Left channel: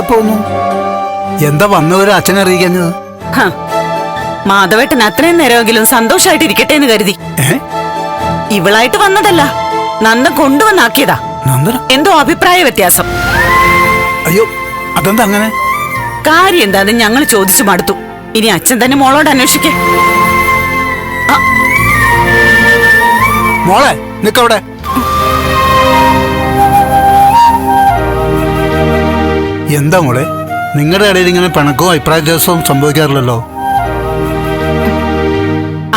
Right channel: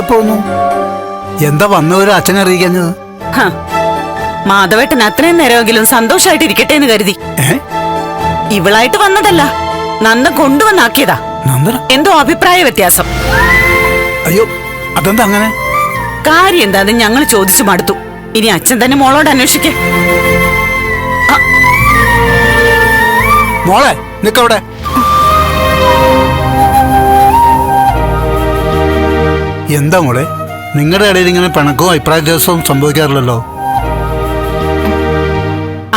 പോന്നു. എന്താ വന്നവര് അച്ഛനെ അറിയിക്കാഞ്ഞത്. മാധവേട്ടൻ അത്രയും നേരമെങ്കിലും സന്തോഷമായിട്ട് ഇരിക്കട്ടെ എന്ന് കരുതി. ഇവളായിട്ട് വന്നതല്ല നന്ദ കൊണ്ടുവന്നാക്കിയതാ. എന്തോ അഭിപ്രായ വ്യത്യാസം. അയ്യോ അതെന്താ അങ്ങനെ? കാര്യം എന്താന്ന് ഞങ്ങൾ ചോദിച്ചു മടുത്തു. ഇനി അച്ഛൻ തന്നെ മോളോട് അന്വേഷിക്കേ. മോളെ നിക്കവിടെ. എന്താ മോളെ? നിങ്ങളുടെ ഇടയിൽ ഇങ്ങനെ പിണക്കവും അഭിപ്രായ വ്യത്യാസവും സംഭവിക്കാറില്ലല്ലോ?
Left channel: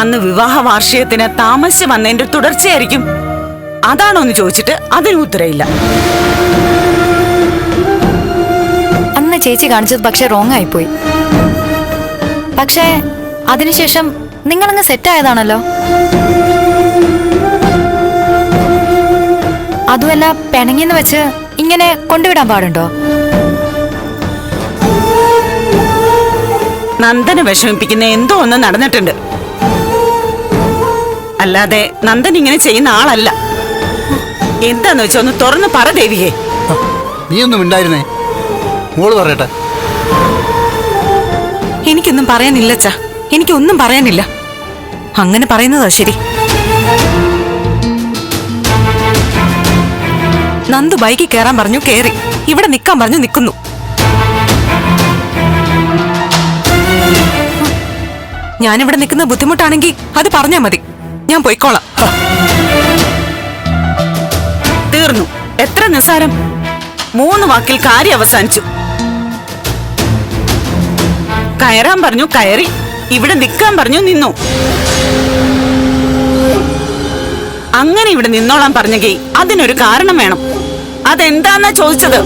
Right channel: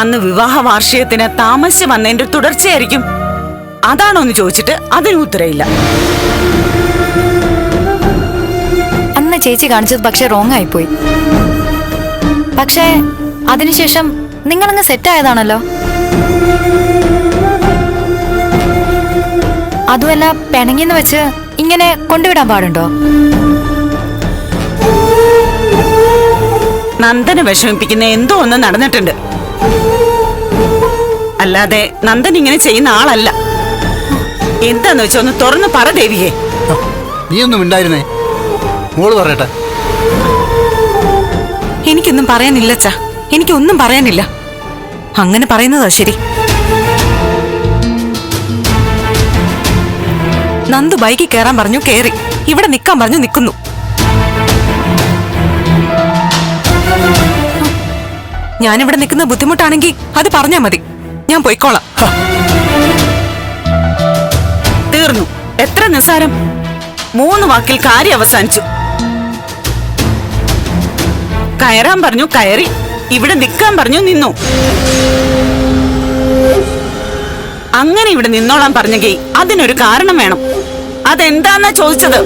അന്ന് വിവാഹ വാർഷികത്തിന് താമസിച്ച് വന്നതിന്റെ തുടർച്ചയായിരിക്കും. അതാണോ എന്ന് ചോദിച്ചിട്ട് അതിന് ഉത്തരയില്ല അന്ന് ചേച്ചി കാണിച്ചത് പക്ഷെ റോങ് ആയിപ്പോയി. പക്ഷേ അതിനുശേഷം നിങ്ങളങ്ങ് സെറ്റായതാണല്ലോ അതുമല്ല പിണങ്ങിന്ന് വെച്ച് ഇങ്ങനെ കൊണ്ടുവിടാൻ പാടുണ്ടോ? നന്ദനെ വിഷമിപ്പിക്കുന്ന എന്തോ ഒന്ന് നടന്നിട്ടുണ്ട്. അല്ലാതെ നന്ദൻ ഇങ്ങനെ ചെയ്യുന്ന ആളല്ല. എന്താന്ന് വെച്ചാ ഒന്ന് തുറന്ന് പറ ദേവിയെ. നീയൊന്നും നീ ഒന്നും ഉണ്ടായിരുന്നേ മോൾ പറയട്ടെ. എനിക്കൊന്നും പറയാനില്ല അച്ഛാ എനിക്കൊന്നും പറയാനില്ല. അങ്ങനെ പറയുന്നതാ ശരി. നന്ദു ബൈക്കിൽ കയറാൻ പറഞ്ഞു കയറി ഇവിടെ നിൽക്കാൻ പറഞ്ഞു നിൽക്കുന്നു. ഞാനിവിടെ നിൽക്കുന്ന ബുദ്ധിമുട്ടാണെങ്കിൽ അത് പറഞ്ഞാ മതി. ഞാൻ പോയിക്കോളാം. തീർന്നു. എത്ര നിസ്സാരം മൂന്ന് വാക്കിൽ കാര്യം അവസാനിച്ചു. കയറാൻ പറഞ്ഞു കയറി. ഇവിടെ നിൽക്കാൻ പറഞ്ഞു നിന്നു. അങ്ങനെ ഇവിടെ നിന്നോളാൻ പറഞ്ഞെങ്കിൽ അതിനൊരു കാരണം വേണം. അതെന്താന്നാ ചോദിച്ചത്?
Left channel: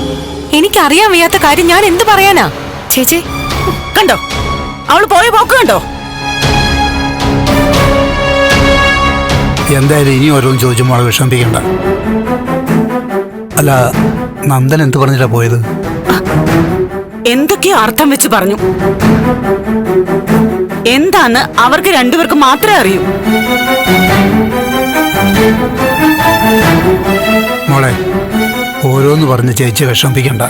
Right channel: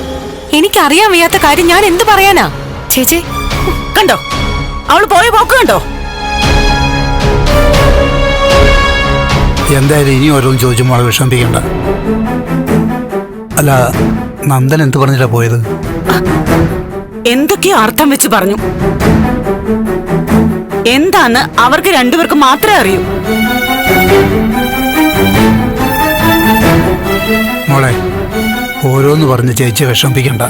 എനിക്കറിയാൻ വയ്യാത്ത കാര്യം ഞാൻ എന്ത് പറയാനാ? ചേച്ചി. കണ്ടോ? അവൾ പോയ പോക്ക് കണ്ടോ? എന്തായാലും ഇനി ഓരോന്ന് ചോദിച്ചു മോളെ വിഷമിപ്പിക്കണ്ട. അല്ല നന്ദൻ എന്ത് പറഞ്ഞിട്ടാ പോയത്? എന്തൊക്കെയോ അർത്ഥം വെച്ച് പറഞ്ഞു. എന്താന്ന് അവർക്ക് രണ്ടുപേർക്ക് മാത്രമേ അറിയൂ. മോളെ ഓരോന്ന് പറഞ്ഞ് ചേച്ചി വിഷമിപ്പിക്കണ്ട.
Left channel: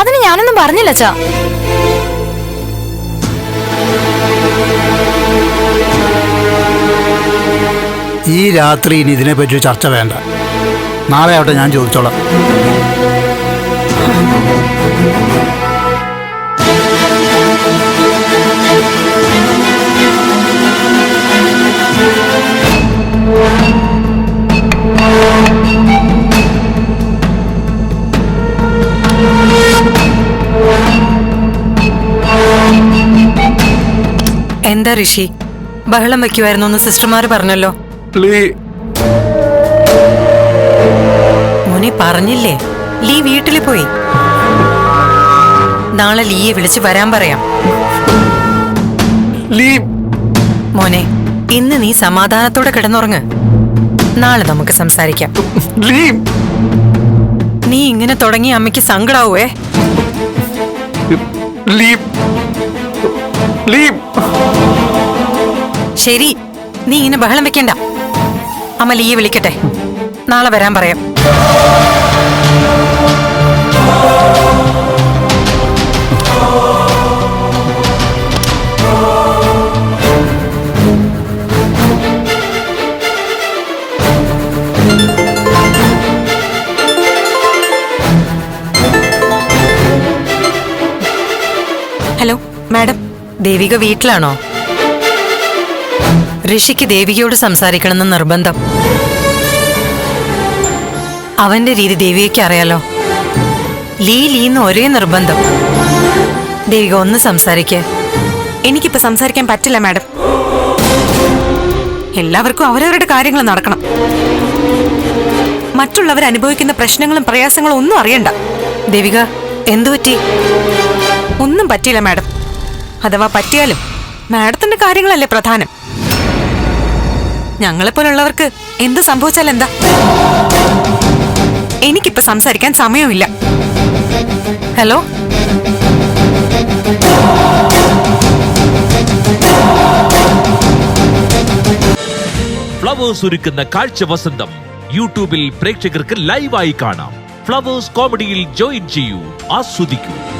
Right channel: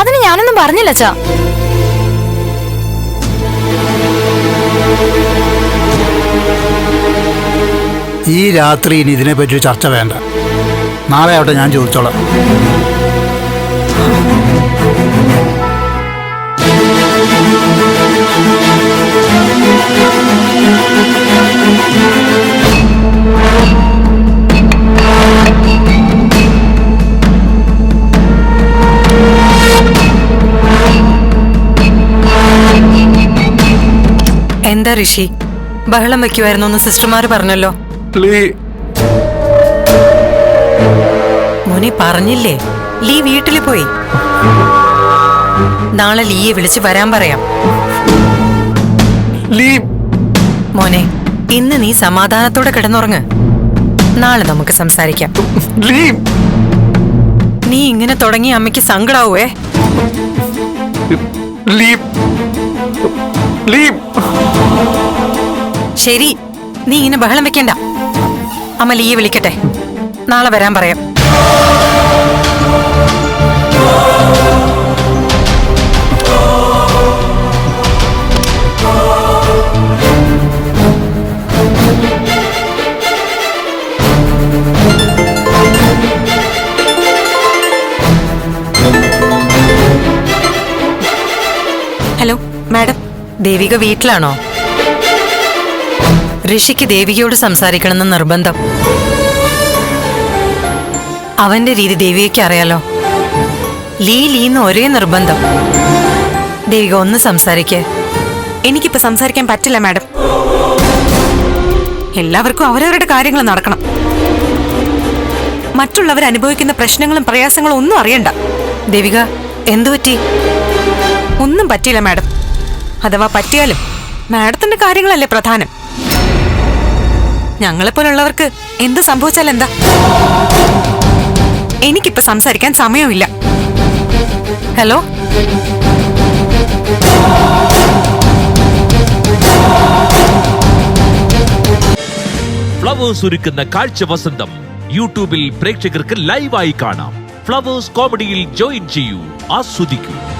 അതിന് ഞാനൊന്നും പറഞ്ഞില്ല അച്ഛാ. ഈ രാത്രി ഇനി ഇതിനെപ്പറ്റി ചർച്ച വേണ്ട. നാളെ ആവട്ടെ ഞാൻ ചോദിച്ചോളാം. എന്താ ഋഷി? ബഹളം വെക്കുമായിരുന്നു എന്ന് സിസ്റ്റർമാർ പറഞ്ഞല്ലോ. മോനെ പറഞ്ഞില്ലേ? ലീ വീട്ടിൽ പോയി. നാളെ ലീയെ വിളിച്ച് വരാൻ പറയാം. മോനെ ഇന്ന് നീ സമാധാനത്തോടെ കിടന്നുറങ്ങ്. നാളെ നമുക്ക് സംസാരിക്കാം. നീ ഇങ്ങനെ തുടങ്ങി അമ്മയ്ക്ക് സങ്കടാവേ ശരി നീ ഇങ്ങനെ ബഹളം വെക്കണ്ട. അമ്മ ലീ വിളിക്കട്ടെ. നാളെ വരാൻ പറയാം. Hello madam. ദേവിക വീട്ടിലാണോ? ഋഷിക്ക് ദേവികയോട് സംസാരിക്കണമെന്ന് നിർബന്ധം. അവന്റെ രീതി ദേവികയ്ക്ക് അറിയാലോ. ലീ ലീന്ന് ഒരേ നിർബന്ധം. ദേവിക ഒന്ന് സംസാരിക്കേ. എനിക്കിപ്പോ സംസാരിക്കാൻ പറ്റില്ല മാഡം. എല്ലാവർക്കും അവരവരുടെ കാര്യങ്ങൾ നടക്കണം. മറ്റുള്ളവർ അനുഭവിക്കുന്ന പ്രശ്നങ്ങളും പ്രയാസങ്ങളും ഒന്നും അറിയണ്ട. ദേവിക എന്തു പറ്റി? ഒന്നും പറ്റിയില്ല മാഡം. അഥവാ പറ്റിയാലും മാഡത്തിന്റെ കാര്യങ്ങളല്ലേ പ്രധാനം. ഞങ്ങളെപ്പോലുള്ളവർക്ക് എന്ത് സംഭവിച്ചാൽ എന്താ? എനിക്കിപ്പോ സംസാരിക്കാൻ സമയമില്ല. ഹലോ? ഫ്ലവേഴ്സ് ഒരുക്കുന്ന കാഴ്ച വസന്തം യൂട്യൂബിൽ പ്രേക്ഷകർക്ക് ലൈവായി കാണാം. ഫ്ലവേഴ്സ് കോമഡിയിൽ ജോയിൻ ചെയ്യൂ ആസ്വദിക്കൂ.